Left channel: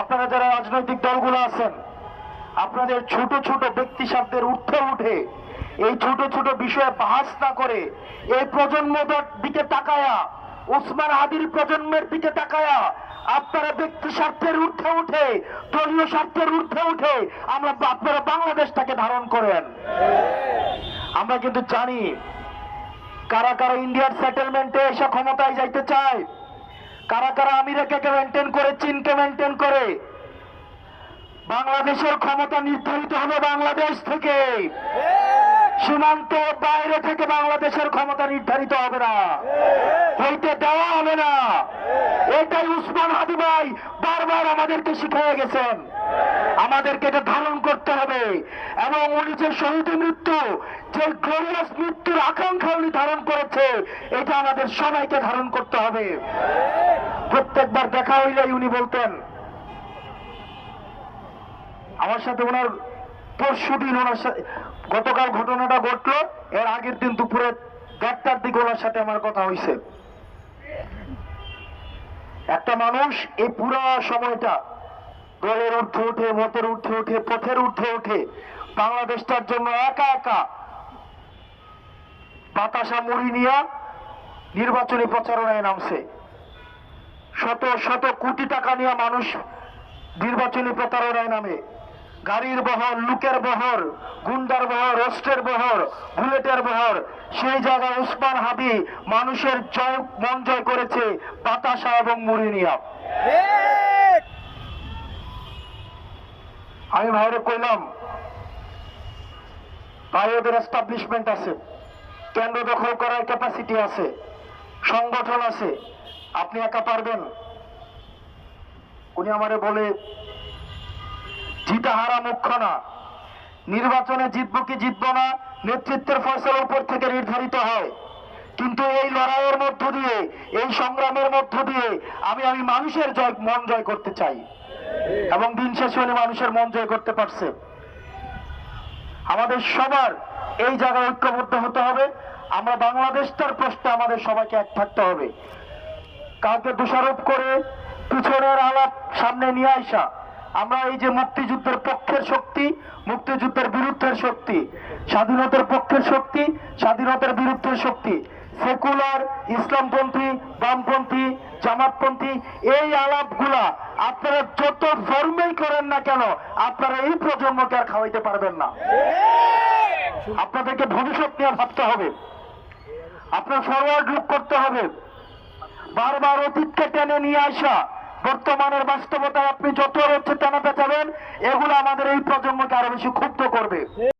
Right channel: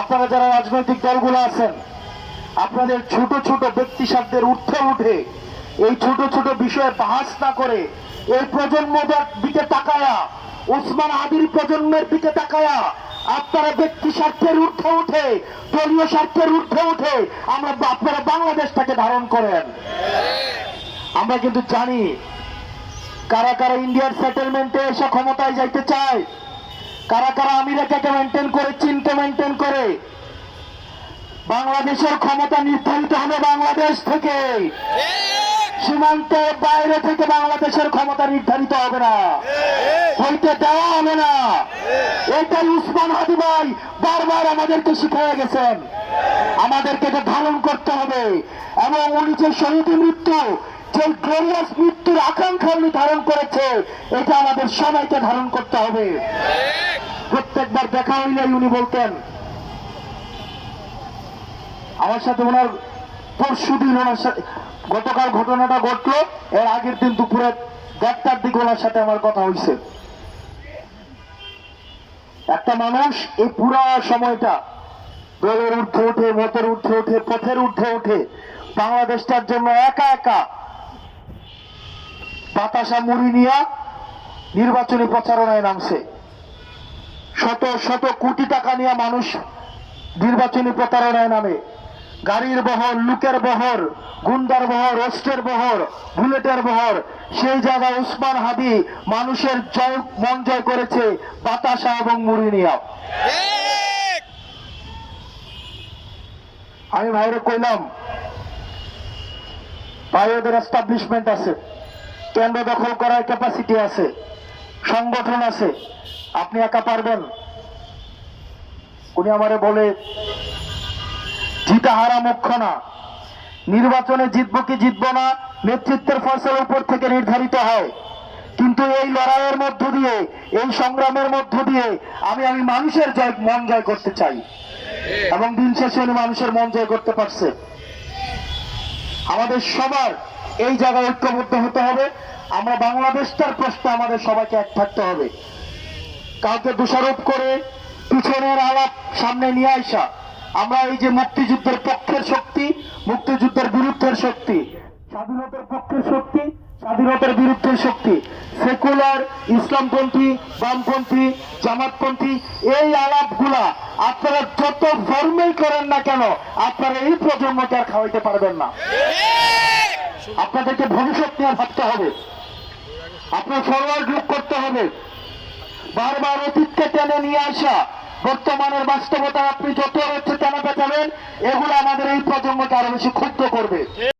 আপনারা যারা রাজনৈতিক দলগুলো আছেন, আপনাদের ছোট ছোট ব্যক্তি স্বার্থের ঊর্ধ্বে উঠে এই ছোট ছোট বিষয়ে বাহাস না করে এই প্রজন্মদের দিকে তাকায়া ওসমান আদির প্রজন্মের দিকে তাকায়া আপনারা ব্যক্তি স্বার্থের ঊর্ধ্বে উঠে, দলীয় স্বার্থের ঊর্ধ্বে উঠে আমরা আপনারা বাংলাদেশটাকে ধারণ করেন। আমরা কিন্তু জানি কারা কারা ইন্ডিয়ার সেটেলমেন্টে এসে ক্ষমতায় যাইতে চায়। কারা কারা আমেরিকাকে মেনটেন করে, চীনকে মেনটেন করে? বাংলাদেশের ক্ষমতা নির্ধারিত হবে বাংলাদেশ থেকে। সীমান্ত বাইরে থেকে বাংলাদেশের ক্ষমতা নির্ধারিত হবে না। হইতে দেওয়া হবে না। এটাই উসমান হাদি ভাই বারবার আমাদেরকে শিখিয়ে গেছেন। আমাদেরকে এটা ধারণ করতে হবে। এবং উনি যে শহীদ মৃত্যু যে গ্লোরিয়াস মৃত্যুর আকাঙ্ক্ষা উনি ধারণ করেছে, এটা আমাদের সবাইকে ধারণ করতে হবে। প্রত্যেকবার দেখা হইলেই উনি বলতেন, আমার সাথে ওনার পরশু দিন ওনার সাথে গতকাল ঘটনাটা ঘটলো, এর আগের দিন দুপুরে দেড়টার দিকে ওনার সাথে আমার কথা হয়েছে একটা মানুষ এই পুরা সময়টা দলের উঠে উঠে, মতের উঠে উঠে, পথের উঠে উঠে বাংলাদেশটার জন্য একা একা বাতাসা মুড়ি নিয়ে নির্বাচনী প্রচারণায় নামছে। শত শত কোটি টাকা নিয়ে মানুষ নির্বাচনী প্রতারণায় নামে। গাড়ির বহর লুকের বহর গুন্ডার বহর অস্ত্রের বহর বুলেটের বহর সেই জায়গায় উসমান হাদি মানুষের জয় মন জয় করেছে বাতাসা এবং মুড়ি নিয়া। আমি ভাইরে কইলাম ভাই ওদের এস্টাবলিশমেন্ট আছে। কেন্দ্র দখল করার ক্যাপাসিটি আছে, সংগঠন আছে। আপনি একা পারবেন। উনি আমারে বলে, জিতা হারা মুখ্য না। নির্বাচনে জিতবো কি জিতবো না, নেতৃত্বের ফসল উপর থেকে নির্ধারিত হয়। কিন্তু এই লড়াইয়ের মধ্য দিয়ে, এই সংগ্রামের মধ্য দিয়ে আমি আমি মানুষের জয়, মন জয় করতে চাই। এবং দিন শেষে উনি মানুষের মন জয় করতে পারছে। আমাদের সবার এই জায়গায় ঐক্যবদ্ধ হতে হবে। আমরা বাংলাদেশটার প্রশ্নে আমাদের সবাইকে এক থাকতে হবে। কাউকে দোষারোপ করে পিছনের আলাপ সামনে নিয়ে আসা। আমরা এই যে মুক্তিযুদ্ধের পক্ষের শক্তি, মুক্তিযুদ্ধের বিরুদ্ধের শক্তি, স্বাধীনতার পক্ষের শক্তি, স্বাধীনতার বিরুদ্ধে শক্তি, সেকুলার, ইসলামপন্থী, বামপন্থী, জামাতপন্থী, এই আলাপগুলা আপনারা যত ধর্মেই করেন না কেন, আপনারা এই প্রজন্মকে আর খাওয়াইতে পারবেন না। আপনাদেরকে ভবিষ্যৎ নিয়ে ভাবতে হবে। আপনার ফরওয়ার্ড লুক করতে হবে। বারবার অতীতকে টেনে নিয়ে আসা, বর্তমানের বাস্তবতা আপনি যত হচ্ছে টানাতে পেঁচাবেন এগুলো আমাদের এই প্রজন্মকে আরও বেশি ক্ষুব্ধ করবে।